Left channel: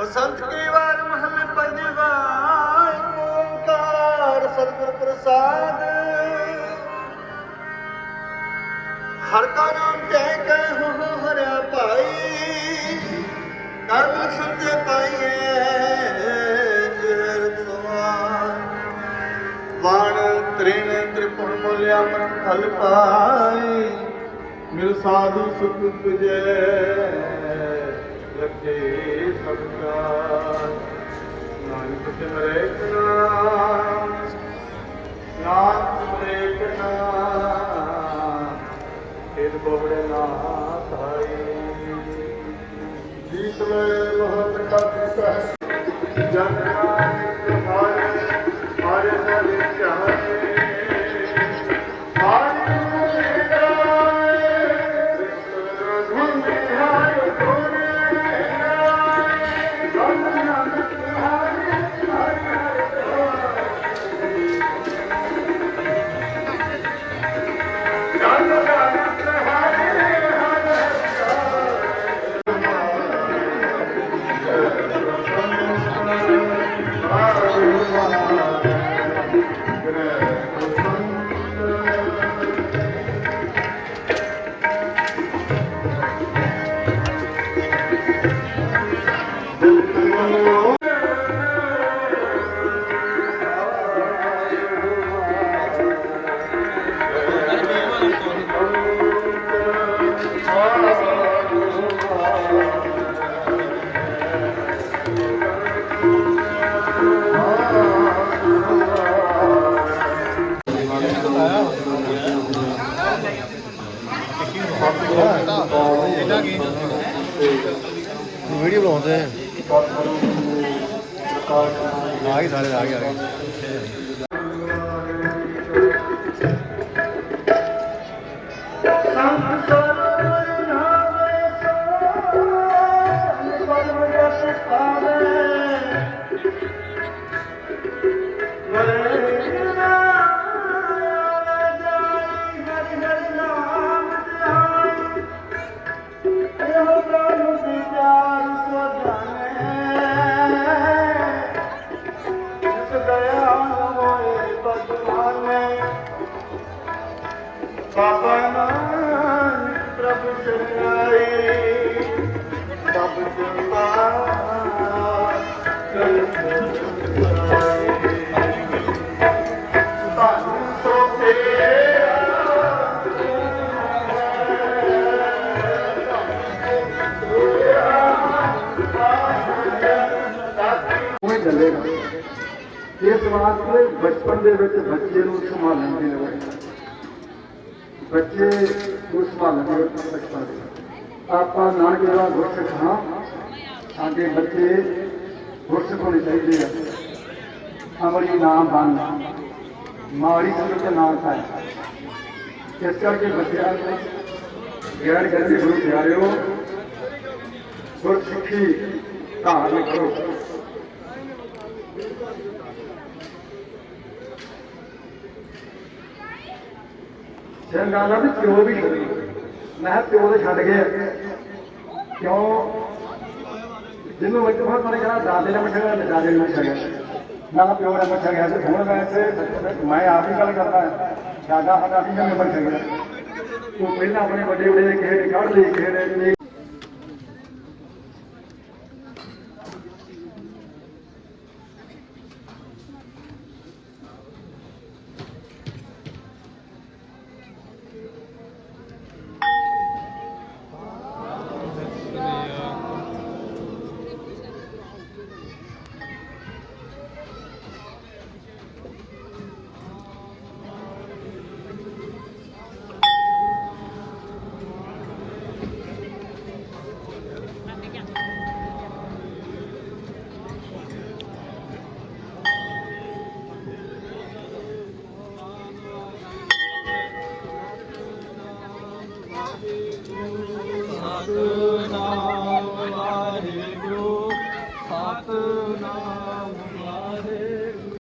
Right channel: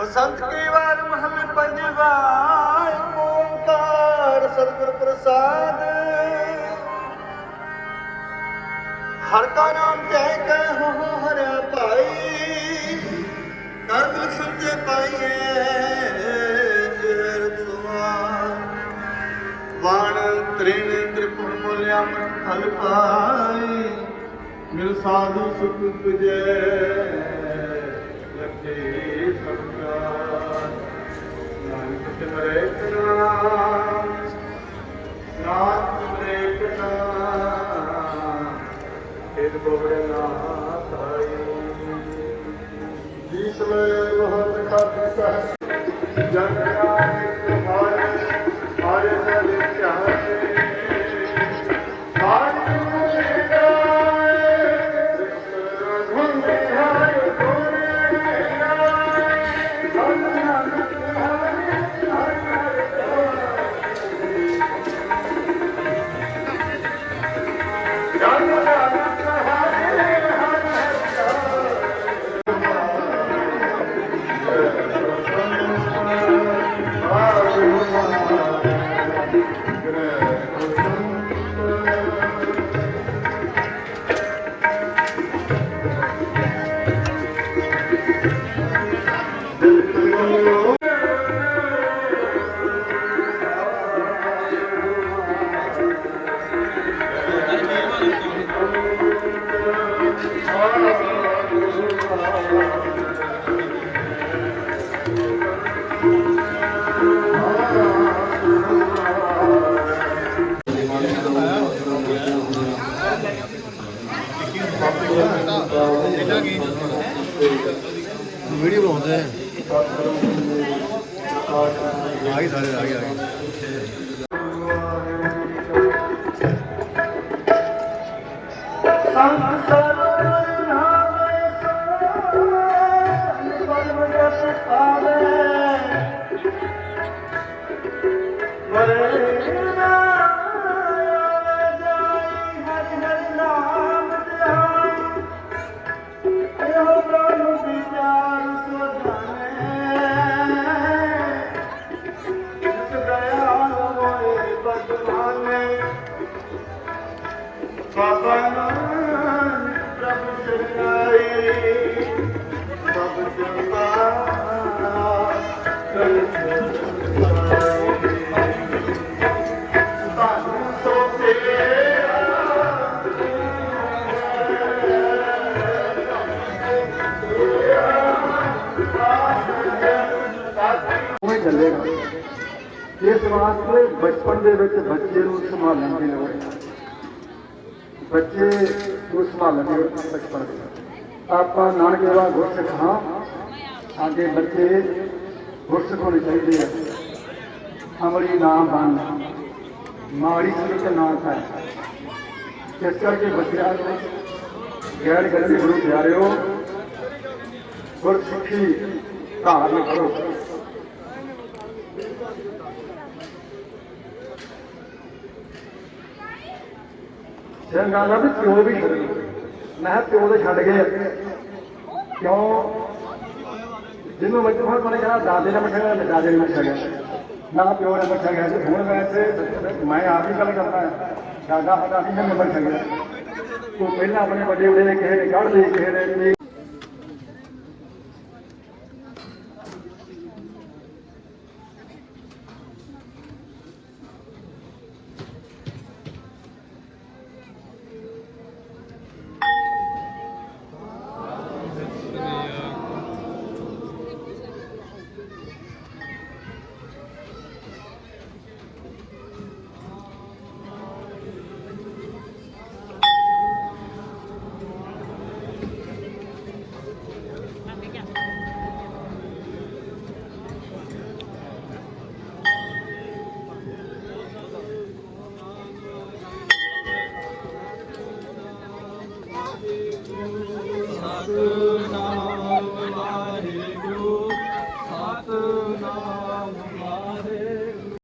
ਬਸੰਤ ਕੀ ਵਾਰ ਮਹਲ ਪੰਜੀ ਵਾਰ ਓਮਕਾਰ ਸਤਿਗੁਰ ਪ੍ਰਸਾਦ। ਹਰ ਕਾ ਨਾਮ ਕਹਿ ਕੇ ਹੋ ਹਰਿਆ ਭਾਈ ਕਰਮ ਸੁਤੇ ਪਾਈਏ ਵਾਣ ਤ੍ਰਿਨ ਤ੍ਰਿਪੁਰ ਮੁਲਿਆ ਮਨ ਫਲ ਪਾਈ, ਮਿਲ ਸਾਧੂ ਸੁਖ ਜੈ ਖੇਦ ਜੀਤ ਲੈ ਬਹੁਤ ਕਾ ਪਿਤਾ ਜਨ ਆਏ ਆਏ ਸਾਰੇ ਚਾਹੇ। வெளியில் வந்து ஆகி சார் ஆகி ਬਾਬਾ ਨਾਨਕ ਪ੍ਰਭੂ ਚਰਨਾਈ ਬਾਬਾ ਜਨਤਾ ਉਹ ਚੱਲੇਗਾ ਇਸ ਵਾਸਤੇ ਬਚਪਨ ਦੇ ਵਿੱਚ ਬੱਚੇ ਨੂੰ ਸੰਭਾਲਣ ਦੀ ਲੋੜ ਹੈ ਬੱਚੇ ਨੂੰ ਸੰਭਾਲਣ ਦੀ ਲੋੜ ਆਪਾਂ ਨਾਨਕ ਦਾ ਗੁਰਸਿੱਖ ਹਾਂ, ਸਾਡੇ ਬੱਚੇ ਗੁਰਸਿੱਖ ਹੋਣੇ ਚਾਹੀਦੇ ਆ। ਅਮਰੀ ਨਾਮ ਬਣ। ਮਾੜੀ ਸੰਗਤ ਨਾਮ ਹੈ ਇਸ ਕਰਕੇ ਬੱਚਿਆਂ ਨੂੰ ਗਿਆਨ ਕਰਨ ਦੇ ਗੁਰੂ ਪਿਆਰਿਓ, ਗੁਰਸਿੱਖੀ ਧਾਰਨ ਕਰੋ। ਚੰਗਾ ਨਾ ਵੀ ਪਿਓ ਵੀ ਛੱਡ ਮੈਂ ਪਿਓ ਦੇ ਛੱਡ ਗਏ ਕਿਉਂ? ਜਿਹਨੂੰ ਇੱਕ ਵਾਰ ਪਰੇ ਗਿਆ ਦਾਦੇ ਦਾ ਮੱਠਾ ਗਿਆ ਦਾਦੇ ਨੂੰ ਮੱਠਾ ਗਿਆ। ਨਾ ਪਿਓ ਦਾ ਮੱਠਾ ਗਿਆ ਤੇ ਹੁਣ ਮੈਂ ਇੱਥੇ ਮੈਂ ਆਪ ਹੀ ਗੱਲ ਕਰਦਾ। ਦਾਦਾ ਸਾਡਾ ਨਹੀਂ ਜਨਮ ਮੱਠਾ ਗਿਆ। ਤੂੰ ਪਹਿਲਾਂ ਆਪਣੇ ਵੱਡੇ ਵੱਡੇ ਦੇ ਖੇਡ ਕੱਢ ਲਈ ਖੇਡ